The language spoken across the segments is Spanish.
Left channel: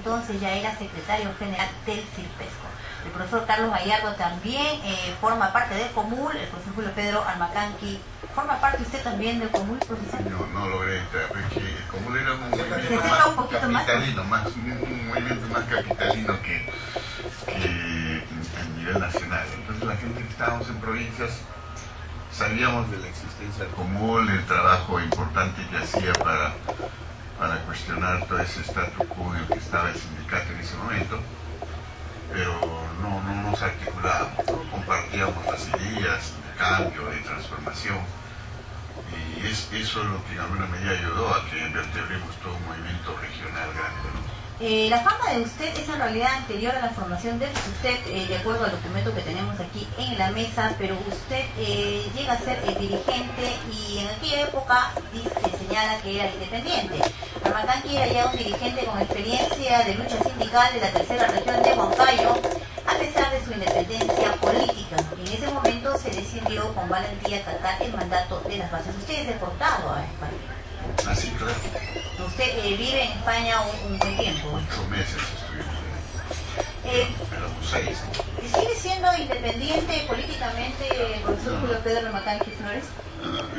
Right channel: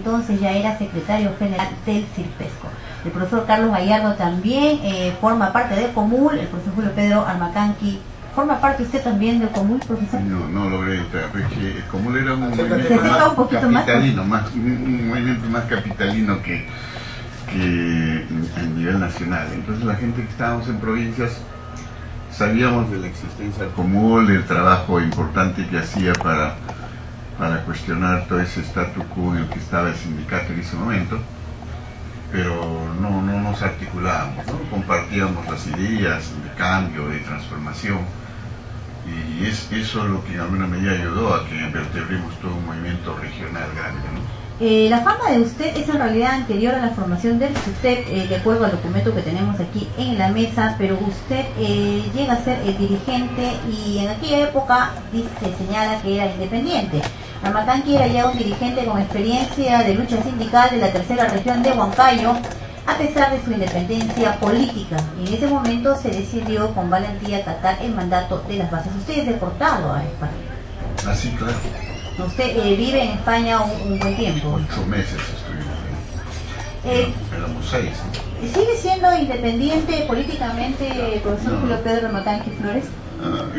entonces ya era secretario general del CIRPESCO. El profesor Carlos Gallardo también forma parte de Comul. El profesor Julio Pedro Armacanqui, ¿forma parte usted también de Comul, profesor? No logré entrar, porque Comul era un movimiento más capitalino, un movimiento más capitalino que a nivel nacional. Entonces la gente que estábamos en provincias sabíamos de la existencia del Comul, del trabajo importante que hacía para cuestionar todo ese statu quo en el que estaba el sindicato en ese momento, pero no nos articulábamos, ¿no? Compartíamos las ideas de cambio, de transformación, y es eso lo que en alguna medida ayudó a que vertebremos todo un movimiento regional grande, ¿no? La fama de usted es en realidad anterior a la formación del SUTEP, de acuerdo al documento que tenemos aquí en la mesa, pero usted llega a ser dirigente y en aquella época se señala que era independiente. Armacanqui era ya un dirigente con experiencia de lucha sindical de la tercera región de Huancayo, a pesar de su independencia política. En ese momento se decidió con valentía acatar el mandato de las bases. Usted es deportado a España. Ah, sí, claro. Usted vive en España un buen tiempo. 8 meses estuvimos. Éramos 6. ¿No? ¿Sigue siendo independiente políticamente el profesor Julio Pedro Armacanqui Flores?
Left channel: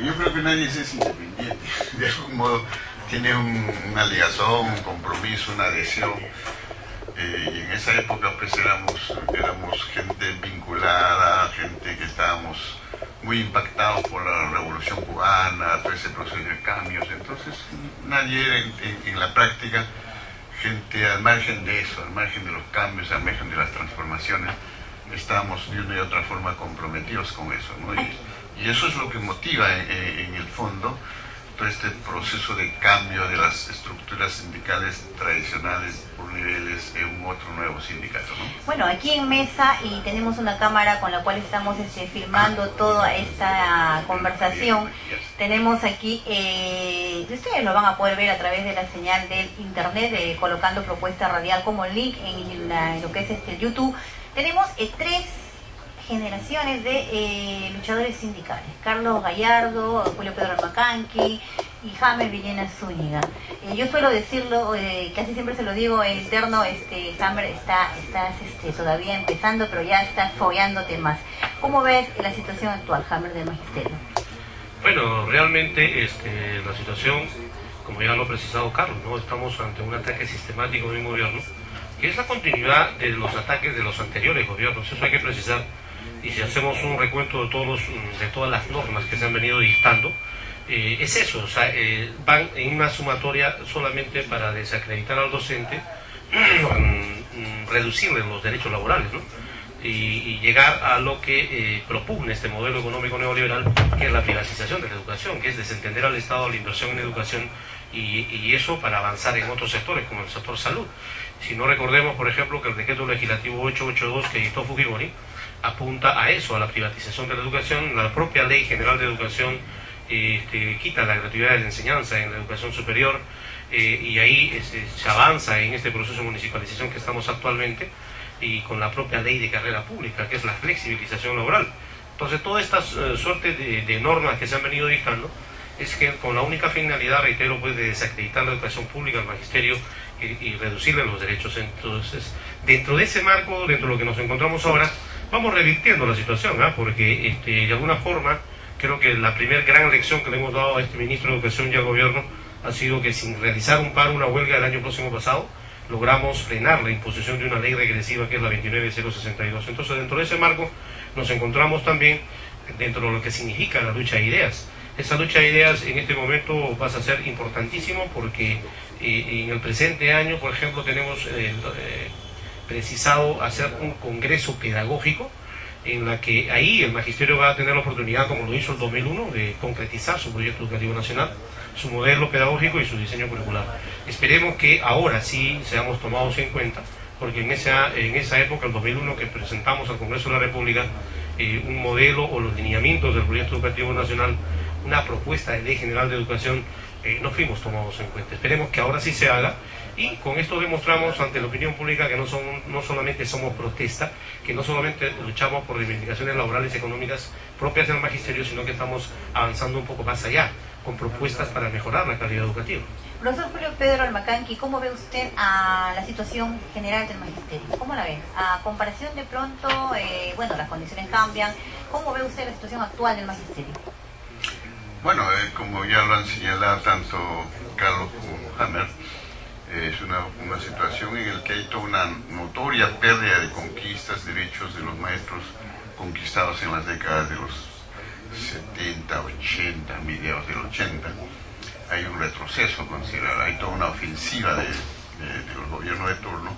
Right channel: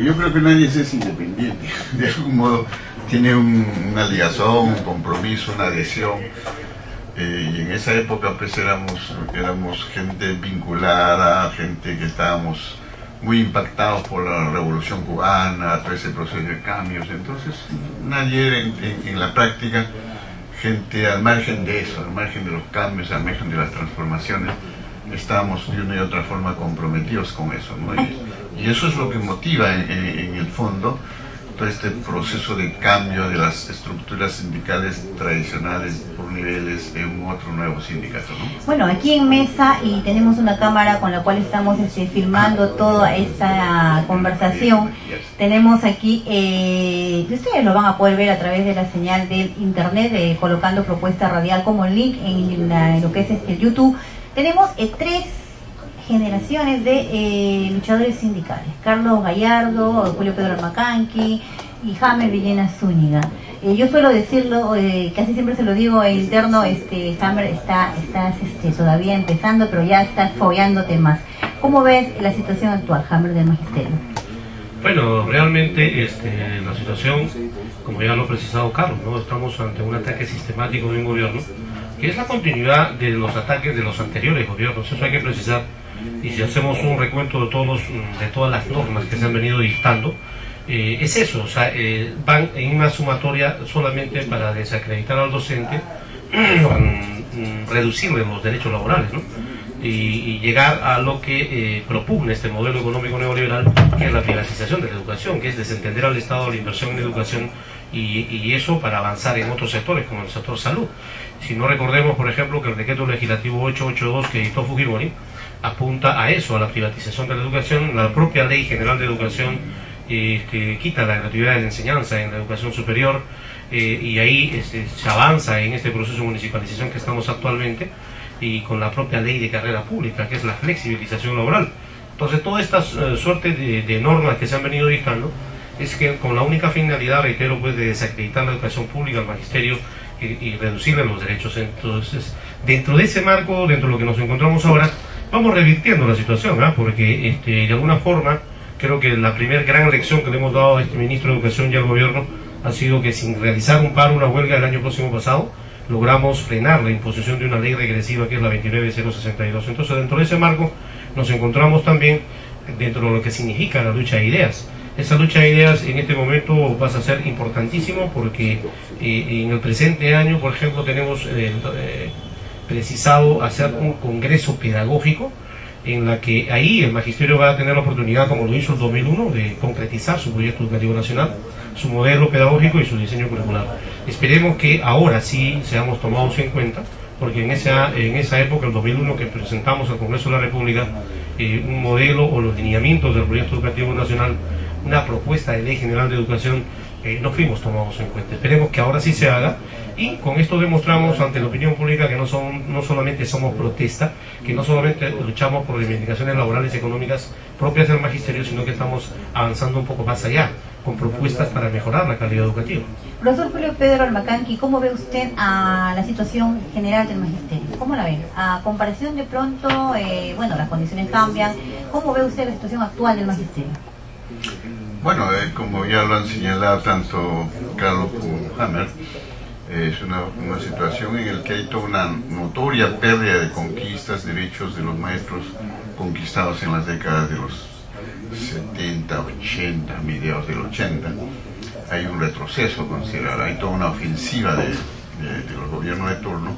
Yo creo que nadie es independiente. De algún modo tiene una ligación, un compromiso, una adhesión. Y en esa época pues éramos gente vinculada, gente que estábamos muy impactados por la Revolución Cubana, todo ese proceso de cambios. Entonces nadie en la práctica, gente al margen de eso, al margen de los cambios, al margen de las transformaciones, estábamos de una y otra forma comprometidos con eso, ¿no? Y eso es lo que motiva en el fondo todo este proceso de cambio de las estructuras sindicales tradicionales por niveles en un otro nuevo sindicato, ¿no? Bueno, aquí en mesa y tenemos una cámara con la cual estamos filmando toda esta conversación. Tenemos aquí, ustedes lo van a poder ver a través de la señal del internet, colocando propuesta radial como link en lo que es YouTube. Tenemos 3 generaciones de luchadores sindicales: Carlos Gallardo, Julio Pedro Armacanqui y Jaime Villena Zúñiga. Yo suelo decirlo, casi siempre se lo digo en interno, Jaime está todavía empezando, pero ya está fogueándote más. ¿Cómo ves la situación actual, Jaime, del magisterio? Bueno, realmente la situación, como ya lo ha precisado Carlos, ¿no? Estamos ante un ataque sistemático de un gobierno y es la continuidad de los ataques de los anteriores gobiernos. Eso hay que precisar. Y si hacemos un recuento de todas las normas que se han venido dictando, es eso, o sea, van en una sumatoria solamente para desacreditar al docente, reducirle los derechos laborales, ¿no? Y llegar a lo que propugna este modelo económico neoliberal, que es la privatización de la educación, que es desentender al Estado de la inversión en educación, y eso para avanzar en otros sectores, como el sector salud. Si no, recordemos, por ejemplo, que el decreto legislativo 882 que dictó Fujimori apunta a eso, a la privatización de la educación. La propia Ley General de Educación que quita la gratuidad de la enseñanza en la educación superior, y ahí se avanza en este proceso de municipalización que estamos actualmente, y con la propia Ley de Carrera Pública, que es la flexibilización laboral. Entonces, toda esta suerte de normas que se han venido dictando es que con la única finalidad, reitero, pues, de desacreditar la educación pública, el magisterio, y reducirle los derechos. Entonces, dentro de ese marco, dentro de lo que nos encontramos ahora, vamos revirtiendo la situación, ¿verdad? Porque de alguna forma creo que la primera gran lección que le hemos dado a este ministro de Educación y al gobierno ha sido que sin realizar un paro, una huelga el año próximo pasado, logramos frenar la imposición de una ley regresiva que es la 29062. Entonces, dentro de ese marco nos encontramos también dentro de lo que significa la lucha de ideas. Esa lucha de ideas en este momento va a ser importantísimo porque en el presente año, por ejemplo, tenemos precisado hacer un congreso pedagógico en la que ahí el magisterio va a tener la oportunidad, como lo hizo en 2001, de concretizar su proyecto educativo nacional, su modelo pedagógico y su diseño curricular. Esperemos que ahora sí seamos tomados en cuenta, porque en esa época, el 2001, que presentamos al Congreso de la República un modelo o los lineamientos del proyecto educativo nacional, una propuesta de Ley General de Educación, no fuimos tomados en cuenta. Esperemos que ahora sí se haga, y con esto demostramos ante la opinión pública que no solamente somos protesta, que no solamente luchamos por reivindicaciones laborales y económicas propias del magisterio, sino que estamos avanzando un poco más allá. con propuestas para mejorar la calidad educativa. Profesor Julio Pedro Almacanqui, ¿cómo ve usted a la situación general del magisterio? ¿Cómo la ve? A comparación de pronto, bueno, las condiciones cambian. ¿Cómo ve usted la situación actual del magisterio? Bueno, como ya lo han señalado tanto Carlos como Hanner, es una situación en la que hay toda una notoria pérdida de conquistas, derechos de los maestros conquistados en las décadas de los 70, 80, mediados del 80. Hay un retroceso considerable, hay toda una ofensiva de los gobiernos de turno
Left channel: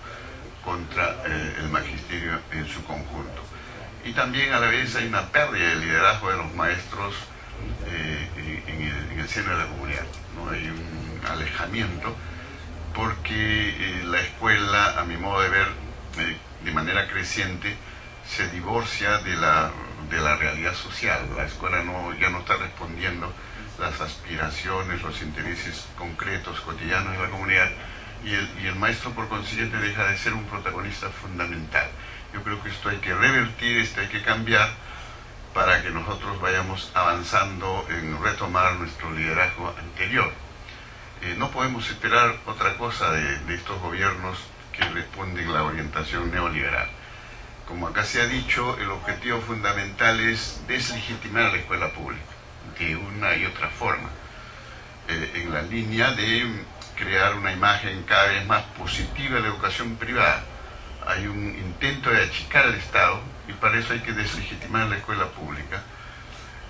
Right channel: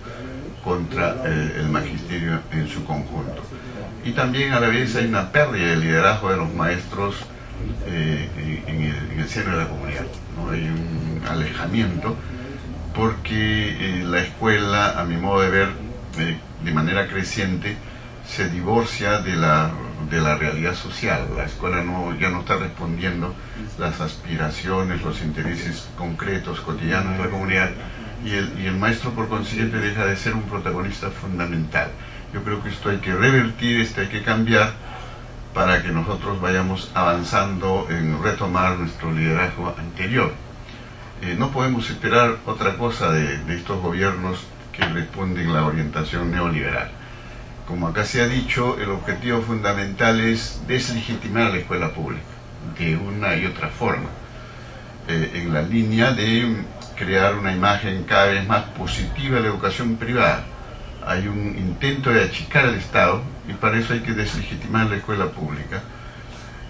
contra el magisterio en su conjunto. Y también a la vez hay una pérdida de liderazgo de los maestros en el seno de la comunidad, ¿no? Hay un alejamiento porque la escuela, a mi modo de ver, de manera creciente, se divorcia de la realidad social. La escuela ya no está respondiendo las aspiraciones, los intereses concretos, cotidianos de la comunidad, y el maestro por consiguiente deja de ser un protagonista fundamental. Yo creo que esto hay que revertir, esto hay que cambiar para que nosotros vayamos avanzando en retomar nuestro liderazgo anterior. No podemos esperar otra cosa de estos gobiernos que responden la orientación neoliberal. Como acá se ha dicho, el objetivo fundamental es deslegitimar la escuela pública de una y otra forma, en la línea de crear una imagen cada vez más positiva de la educación privada. Hay un intento de achicar el Estado y para eso hay que deslegitimar la escuela pública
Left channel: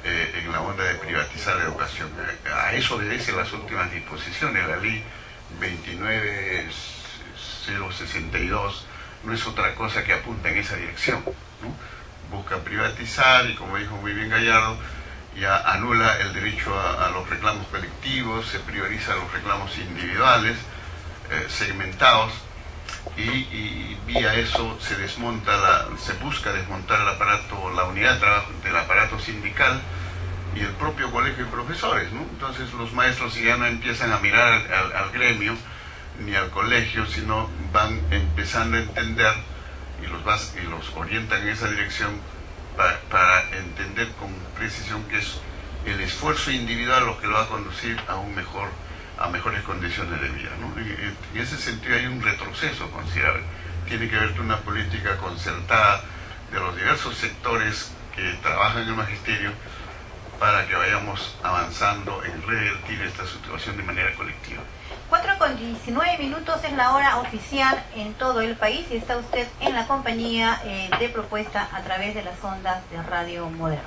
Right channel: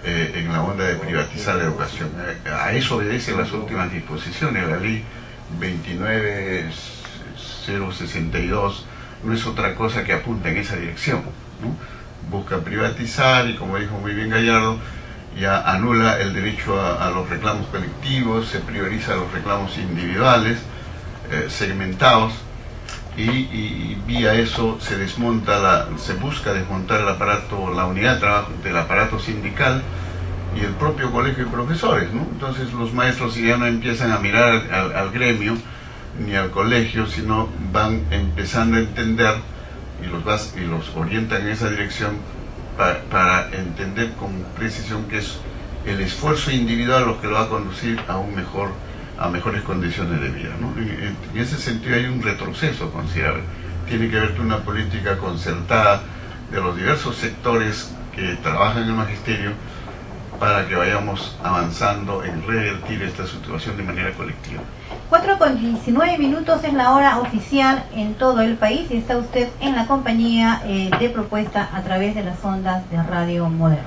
en la onda de privatizar la educación. A eso obedecen las últimas disposiciones. La ley 29062 no es otra cosa que apunta en esa dirección, ¿no? Busca privatizar y, como dijo muy bien Gallardo, ya anula el derecho a los reclamos colectivos, se prioriza los reclamos individuales, segmentados, y vía eso se busca desmontar el aparato, la unidad de trabajo del aparato sindical y el propio colegio de profesores, ¿no? Entonces los maestros ya no empiezan a mirar al gremio ni al colegio, sino van empezando a entender y los orientan en esa dirección para entender con precisión que es el esfuerzo individual lo que lo va a conducir a mejores condiciones de vida, ¿no? En ese sentido hay un retroceso considerable. Tiene que ver con una política concertada de los diversos sectores que trabajan en el magisterio para que vayamos avanzando en revertir esta situación de manera colectiva. 4:19 es la hora oficial en todo el país y está usted en la compañía de Propuesta a través de las ondas de Radio Moderna.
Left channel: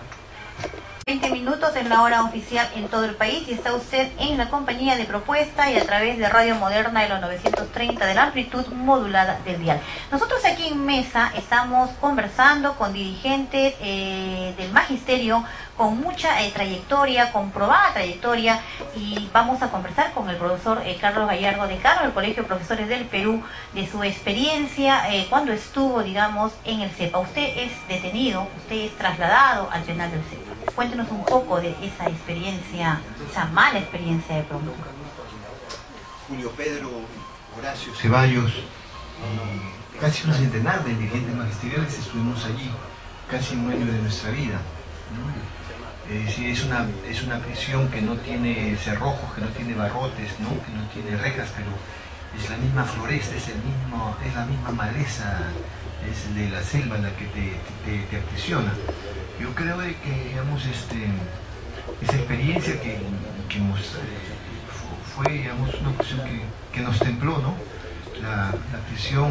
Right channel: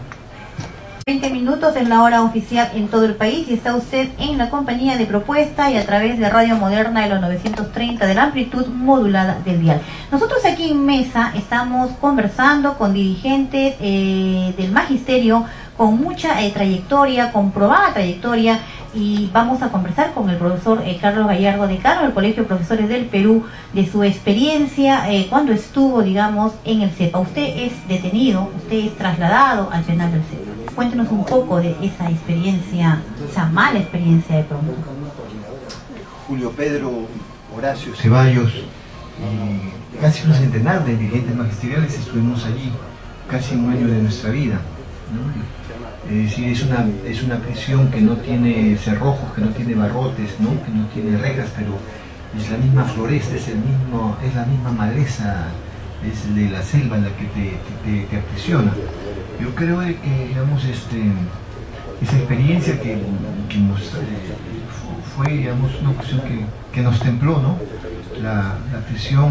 20 minutos es la hora oficial en todo el país y está usted en la compañía de Propuesta y a través de Radio Moderna de los 930 de la amplitud modulada del dial. Nosotros aquí en mesa estamos conversando con dirigentes del magisterio con mucha trayectoria, comprobada trayectoria, y vamos a conversar con el profesor Carlos Gallardo, decano del Colegio de Profesores del Perú, de su experiencia cuando estuvo, digamos, en el CEPA. Usted es detenido, usted es trasladado al penal del CEPA. Cuéntenos un poco de esa experiencia, esa mala experiencia de pronto. Julio Pedro, Horacio Ceballos y casi un centenar de dirigentes magisteriales estuvimos allí, casi un año de nuestra vida, ¿no? Sí, es una prisión que no tiene cerrojos, que no tiene barrotes, ¿no? Que no tiene reglas, pero es la misma floresta, es la misma maleza, es de la selva la que te aprisiona. Yo creo que, digamos, esa experiencia que nos fue, digamos, una cuestión que nos templó, ¿no? La prisión